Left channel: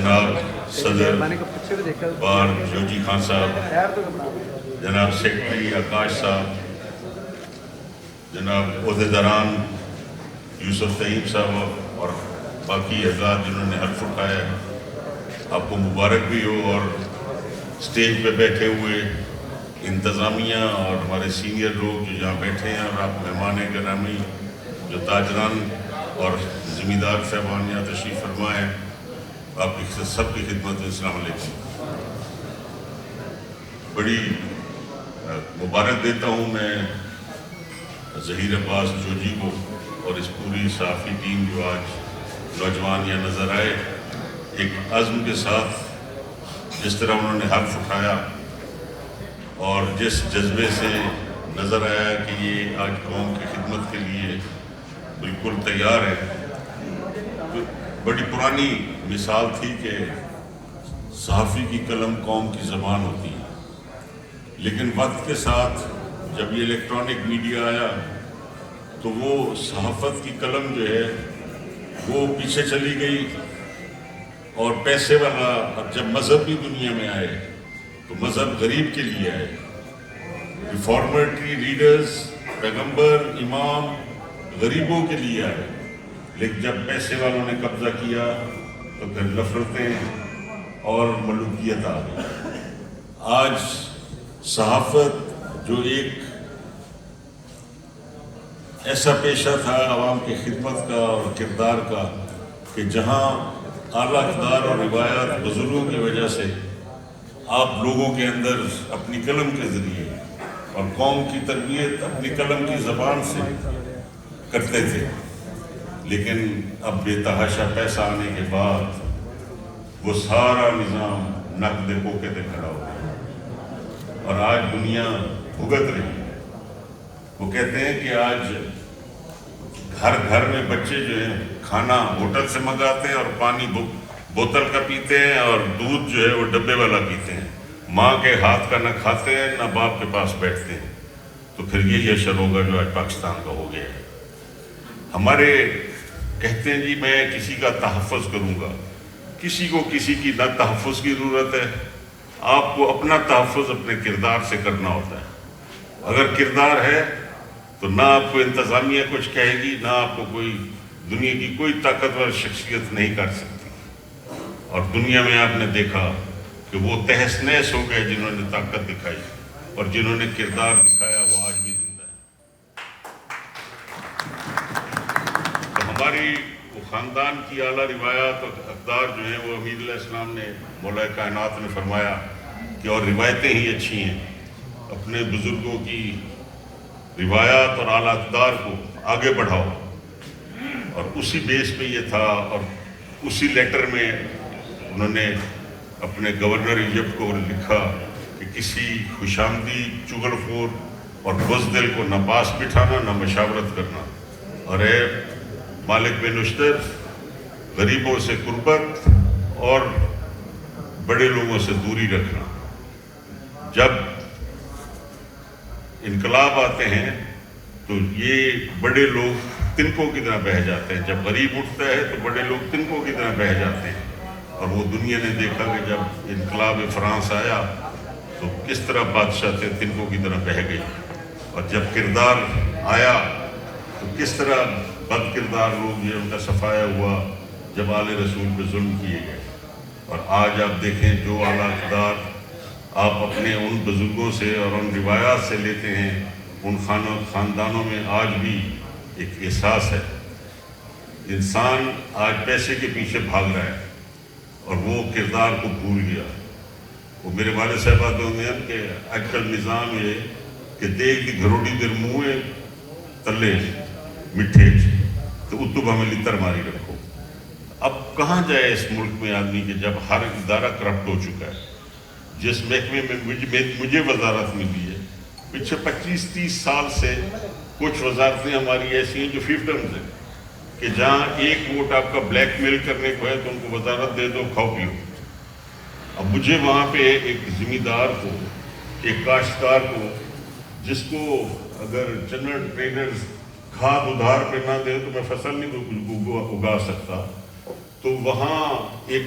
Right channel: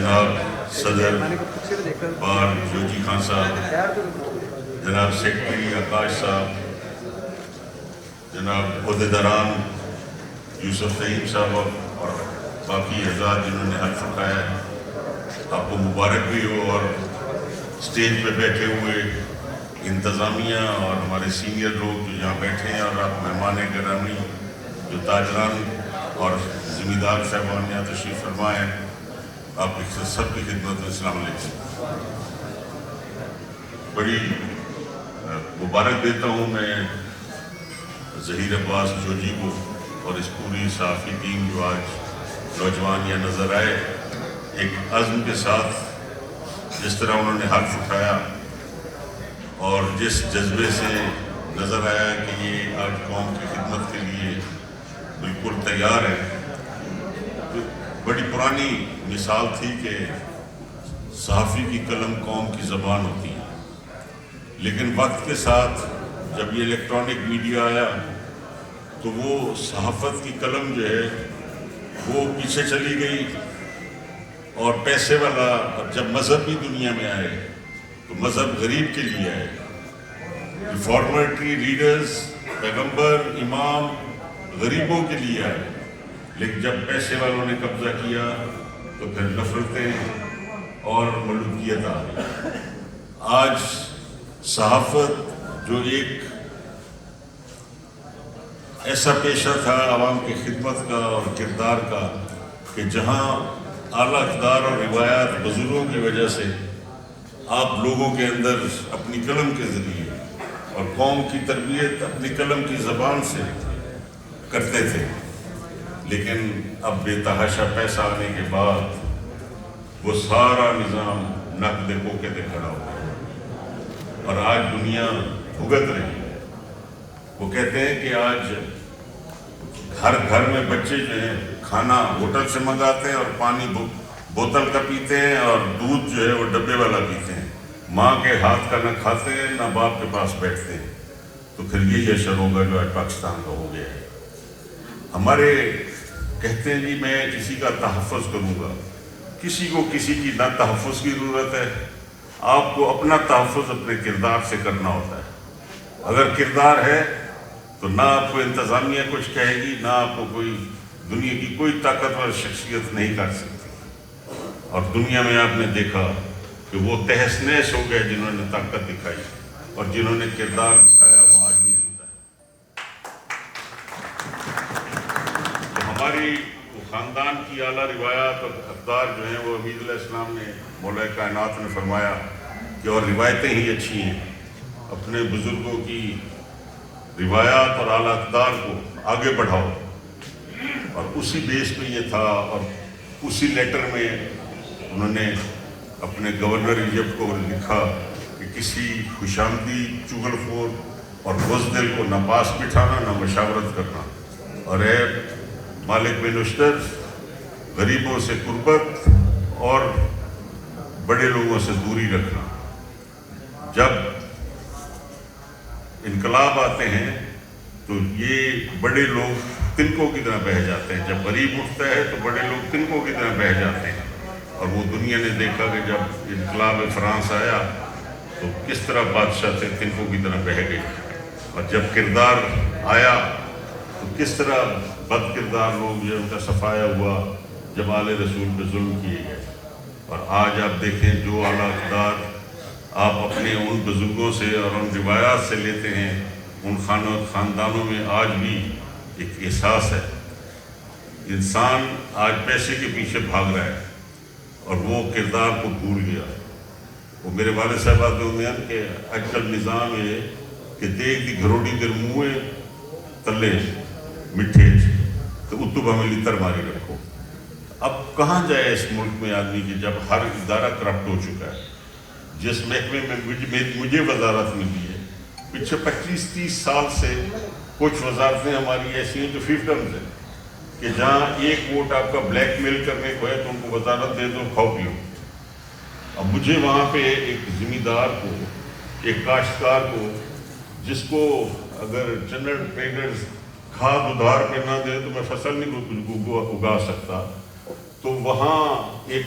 جناب صدر بار جوجی خان صاحب، جناب سیکرٹری آکاش صاحب، جناب عہدیداران یوسف طیب صاحب اور باقی حضرات جنہوں نے حلف اٹھایا ہے، آپ کو مبارک بھی ہو. اور اسٹیج پہ بیٹھے ہوئے انتظامیہ اور ہمارے سینئر لوگ جو یہاں بیٹھے ہیں، اور آپ مہمان گرامی جو تاجران اور زمیندار صاحبان یہاں تشریف فرما ہے، آپ کی سب کی خدمت میں السلام علیکم. بڑی مبارک دیتا ہوں میں ظہیر عباس جوجی کو اور اس پوری صحافی ٹیم جو آج نوجوان یہ نظر آئے، ایک عزم کے ساتھ جس طرح انہوں نے حلف اٹھایا اور جس جذبے سے نظر آیا کہ یہ آج قوم کی خدمت کے لیے بالکل تیار ہے. بڑی پرانی مثال تھی کہ صحافی کی قلم قوم کی زبان ہوتی ہے، لیکن وقت کے ساتھ جب یہ الیکٹرانک میڈیا آیا تو وہ صحافت کی قلم جو ہے وہ پیچھے چلی گئی، اور پیسے والا جب مذہبی دنیا میں آئے تو مذہب غریب کے لیے آئے، ریفارمیٹری لیڈرز، پیغمبر، امام غریبوں کے لیے آئے. لیکن جب پیسے والوں نے قبضہ کیا تو پھر نفرتیں اور ملوکیت آ گئی. آج صحافت جو ایک ایسا پیشہ تھا عوام کی خدمت کا اور کردار کا کہ جہاں اعلیٰ اقدار اور روایات بزرگوں کی وجہ سے آپ لوگوں کے اندر اپنی قلم کے ذریعے اور قوم کی تربیت اپنی قلم کی زبان سے کرتے تھے، لیکن اب بے تحاشا پیسہ آنے کے بعد وہ سارا نظام نقد بوکے پہ کھڑا ہو گیا اور آج دنیا بھگت رہی ہے. وہ کہتے ہیں کہ آج ہر گھر میں بچے جو ہیں کھانا ہوٹل سے منگاتے ہیں اور پانی بوتل کا پیتے ہیں اور دودھ جو ہے وہ ڈبے والا پیتے ہیں. ماں کے ہاتھ کا نہ کھاتے ہیں نہ باپ کے پاس بیٹھتے ہیں. تو پھر یہی اشر ہوگا جو آج پاکستان کا ہو گیا ہے. ہمارے کہتے ہیں جی میں کسی کا تحفظ کروں گا، کسی کو کسی کی نہ تحفظ کی ضرورت ہے. آپ کو اپنا تحفظ اپنے کردار سے کرنا ہوتا ہے. اگر کردار ہے تو نہ آپ کو انتظامیہ کچھ کہے گی، نہ آپ کو کوئی دنیا کی کوئی طاقتور شخصیت نہیں کر سکتی. اور دنیا میں آپ نے دیکھا کہ وہ تہس نہس ہو گئے جنہوں نے طاقت دکھائی، اور جنہوں نے کردار دکھایا وہ آج بھی زندہ ہے. ہماری وہ خاندان کی اعلیٰ روایات اور اقدار جو ہیں وہ امید علیہ السلام نے مولا کائنات نے فرمایا کہ اور روایتیں ہی اچھی ہیں. اپنے بزرگوں کی روایات اور اعلیٰ اقدار کو آگے بڑھاؤ. اور اسی بیس پہ یہ تھا، اور اسی لیٹر میں انہوں نے اپنے گورنر ایجپٹ کو لکھا کہ کسی خوشامدی چغل خور اور بزدل کو نہ پاس بٹھانا نہ مشاورت کرنا، اور اے مالک بن نشتر غریبوں سے قربت اور بڑے لوگوں سے دوری رکھنا. جب انقلاب آتے ہیں تو یہ بڑے لوگ تنکوں کی طرح بہہ جاتے ہیں، جب غریب اٹھتا ہے تو بڑے لوگ تنکوں کی طرح بہہ جاتے ہیں. اور وہ دنیا نے دیکھا کہ جب انقلاب فرانس آیا تو کس طرح بادشاہ تھے تنکوں کی طرح بہہ گئے، اور جب کردار آیا تو کس طرح بد کردار لوگ جو ان کا صفایا ہوا جب آل رسول پہ ظلم کیے گئے. اور آج آپ دیکھیں جو اعلیٰ اقدار آپ اپنے ان بزرگوں سے اور ان روایات سے لیتے ہیں، ان خاندانوں میں آج بھی ایک احساس ہے. انسان آج پیسے کے پیچھے بھاگ رہا ہے اور وہ کردار کو بھول گیا. وہ میرے والد صاحب آتے ہوئے ہیں کہ اج کل نظام یہ کہ دیکھ دی گھروٹی در منہ تلے مٹھے تو اتو ہمیں لتر ماری رکھو. اب کہاں جائے اس ملک میں آدمی کہ جب ہر ادارہ کرپٹ ہو چکا ہے. جس محکمے میں مجھے وزارت ملی ہے، پچھلے 25-30 سال سے کچھ وزارتیں ہماری ایسی ہیں جو فیفٹمز ہیں کہ جہاں ایک ووٹ آپ کا بلیک میل کرنے کو ہے تو ان کو وزارت دے دو، کھاؤ پیو. اب مجھے وہاں پہ ایک زمیندار کو، ایک کاشتکار کو، جس کو اگر جنرل ٹریڈرز کھاد ادھار پہ نہ دے تو میں فصل نہیں اگا سکتا، تو وہاں ایک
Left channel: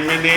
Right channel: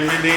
MNA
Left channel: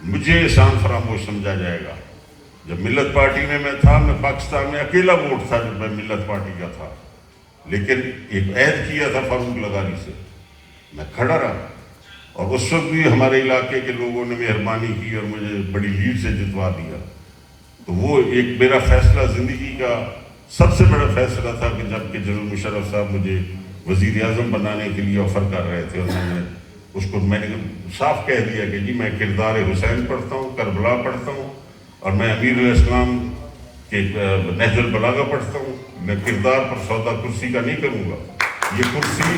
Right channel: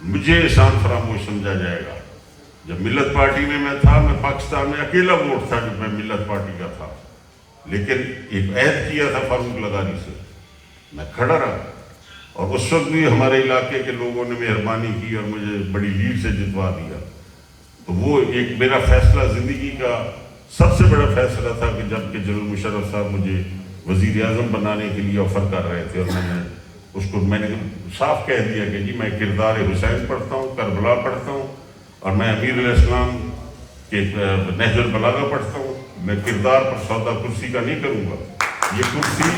مجھے احسان فراموش سمجھا جائے گا. جب ملت پارٹی میں تھا، میں پاکستان میں اکیلا ووٹ تھا جب میں ملت پارٹی کا تھا، لیکن ایک عہد کیا تھا فاروق لغاری سے، میں کھڑا رہا. اور اس وقت بھی ہمارے علاقے کے لوگوں نے مہربانی کی اور مجھے بڑی لیڈ سے جتوا دیا. تو وہ ایک میرا فیصلہ زندگی کا سب سے بڑا فیصلہ تھا کہ جب کہ جنرل مشرف صاحب مجھے وزیر اعظم بنانے کے لیے آفر کر رہے تھے، اور میں نے صاف کہہ دیا کہ جی میں کردار حسین پڑھتا ہوں، کربلا پڑھتا ہوں، اور میں امیر الاسلام کے نہج البلاغہ پڑھتا ہوں. میں کردار پر سودا کرسی کا نہیں کروں گا. یہ کرسی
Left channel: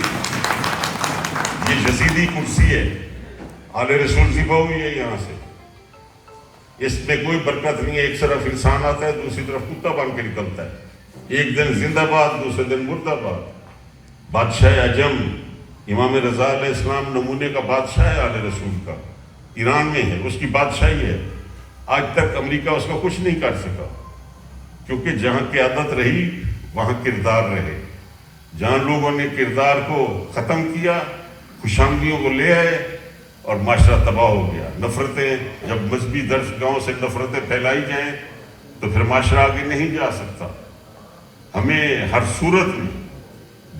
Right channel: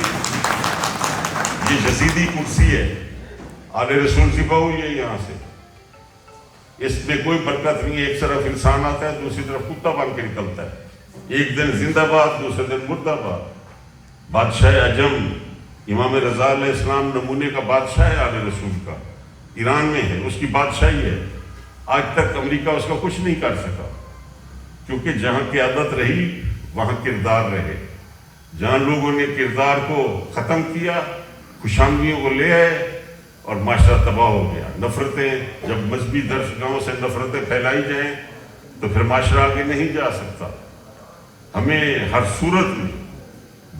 یہ یزیدی کرسی ہے، آل رسول ذبح ہوئی ہے یہاں سے. اس میں کوئی برکت نہیں ہے. ایک طرف انسان آتا ہے، دوسری طرف کتا بن کے نکلتا ہے. ایک دن زندہ باد، دوسرے دن مردہ باد. بادشاہ عجم امام رضا علیہ السلام نمونے کا بادشاہ ہے آل رسول کا، ایران میں ہے، اس کی بادشاہی ہے. آج تک امریکہ اس کا کچھ نہیں کر سکا، کیونکہ جہاں قیادت رہی وہاں کردار رہے. جہاں لوگوں نے کردار کو ختم کیا، خوشامدیوں کو لے آئے اور معاشرہ تباہ ہو گیا. نفرتیں جب مذہبی درسگاہوں سے نفرتیں پھیلائی جائیں تو پھر معاشرہ آگے نہیں جا سکتا. ہمیں ہر صورت میں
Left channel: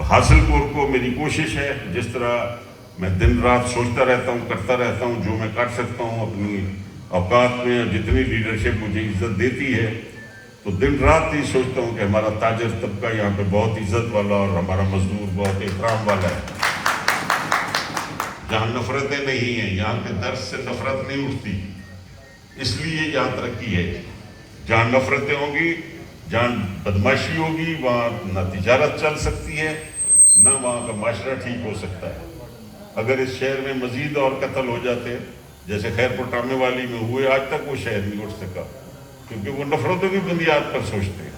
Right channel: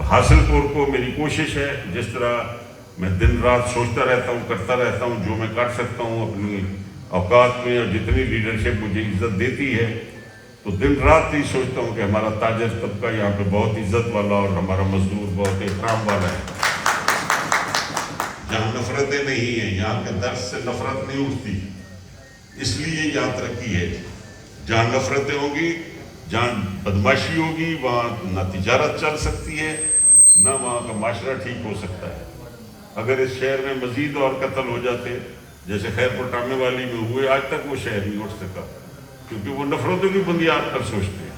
حاصل کو میری کوشش ہے، جس طرح میں دن رات سوچتا رہتا ہوں، کرتا رہتا ہوں، جو میں کر سکتا ہوں اپنی اوقات میں، اور جتنی لیڈرشپ مجھے عزت دیتی ہے تو دن رات ہی سوچتا ہوں کہ ہمارا تاجر طبقہ یہاں پہ بہت عزت والا اور ہمارا مزدور بہت احترام والا ہے. جہاں نفرتیں نہیں ہیں، یہاں کے درس سے نفرت نہیں اٹھتی، اس لیے یہاں ترقی ہے. جہاں نفرتیں ہوں گی، جہاں بدماشی ہوگی، وہاں نہ تجارت چل سکتی ہے، نہ وہاں کا معاشرہ ٹھیک ہو سکتا ہے. اگر اس شہر میں مزید اور قتل ہو جاتے جیسے خیر پٹامے والی میں ہوئے، آج تک وہ شہر نہیں اٹھ سکا، کیونکہ وہ نفرتوں کی بنیاد پر سوچتے ہیں.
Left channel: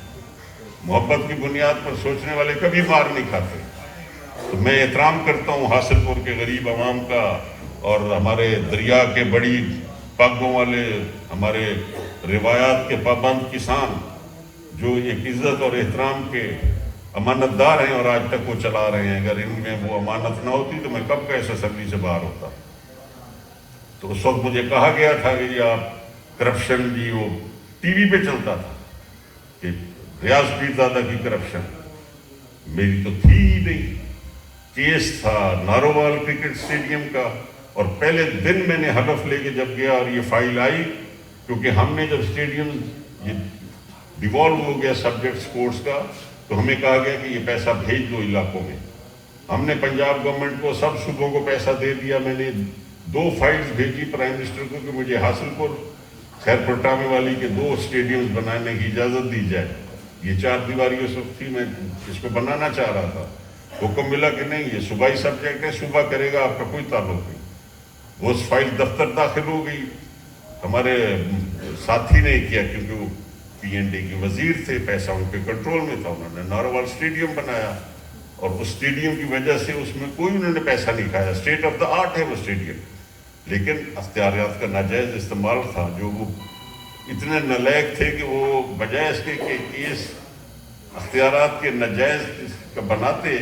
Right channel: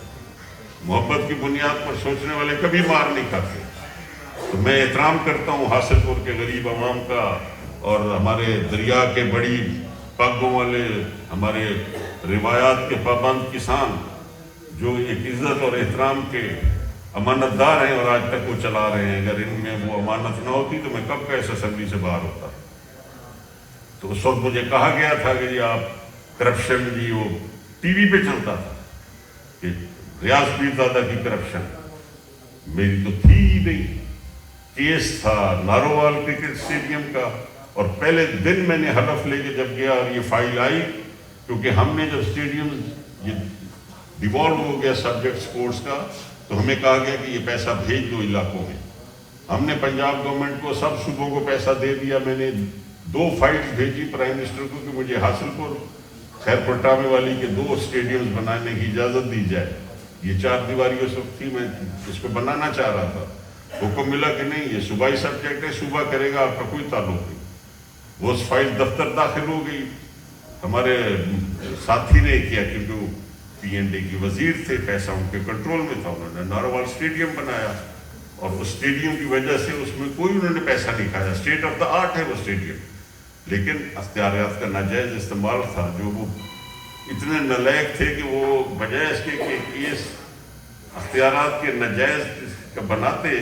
محبت کی بنیاد پر سوچنے والے کبھی مار نہیں کھاتے. تو میں احترام کرتا ہوں حاصل پور کے غریب عوام کا، اور ہمارے دریا کے بڑی پاگوں والے، ہمارے روایات کے پابند کسان جو ایک عزت اور احترام کے امانت دار ہیں اور آج تک وہ چلا رہے ہیں. اگر ان میں وہ امانت نہ ہوتی تو میں کب کا اس اسمبلی سے باہر ہوتا. تو اس وقت مجھے کہا گیا تھا کہ جی آپ کرپشن، جی وہ ٹی وی پہ چلتا تھا کہ ریاض پیرزادہ کی کرپشن، میری تو تھی ہی نہیں. کیس تھا نارووال کرکٹ اسٹیڈیم کا، اور پہلے دن میں نے حلف لے کے جب گیا اور یہ فائل آئی، کیونکہ ہم نے جب اسٹیڈیم یہ ڈیوالو ہو گیا سبجیکٹ سپورٹس کا، تو ہمیں کہا گیا کہ یہ پیسہ بھیج دو علاقوں میں. ہم نے پنجاب گورنمنٹ کو، سب صوبوں کو پیسہ دے دیا. میں نے 2 فائلز بھیجی پرائم منسٹر کو کہ مجھے حاصل پور خیر پٹامے والی کے 2 اسٹیڈیمز بنانے کی اجازت دی جائے. یہ 4 دیواری اس وقت تھی، میں اس کو بنانا چاہ رہا تھا. حکم ملا کہ نہیں، یہ صوبائی سبجیکٹ ہے، صوبہ کرے گا، آپ کا کوئی تعلق نہیں. وہ فائل دفتر داخل ہو گئی. ہمارے ساتھی نے کیا، کیونکہ وہ PND کے وزیر تھے، پیسہ ان کے کنٹرول میں تھا. انہوں نے نارووال اسٹیڈیم بنایا، اور اس اسٹیڈیم کی وجہ سے اس میں کوئی انہوں نے پیسہ نہیں کھایا. اسٹیٹ آف دا آرٹ ہے وہ اسٹیڈیم، لیکن اختیارات کا ناجائز استعمال تھا. جو وہ اتنے نالائق تھے کہ وہ بجائے اس کے کہ اس اختیارات کے ناجائز کا بناتے،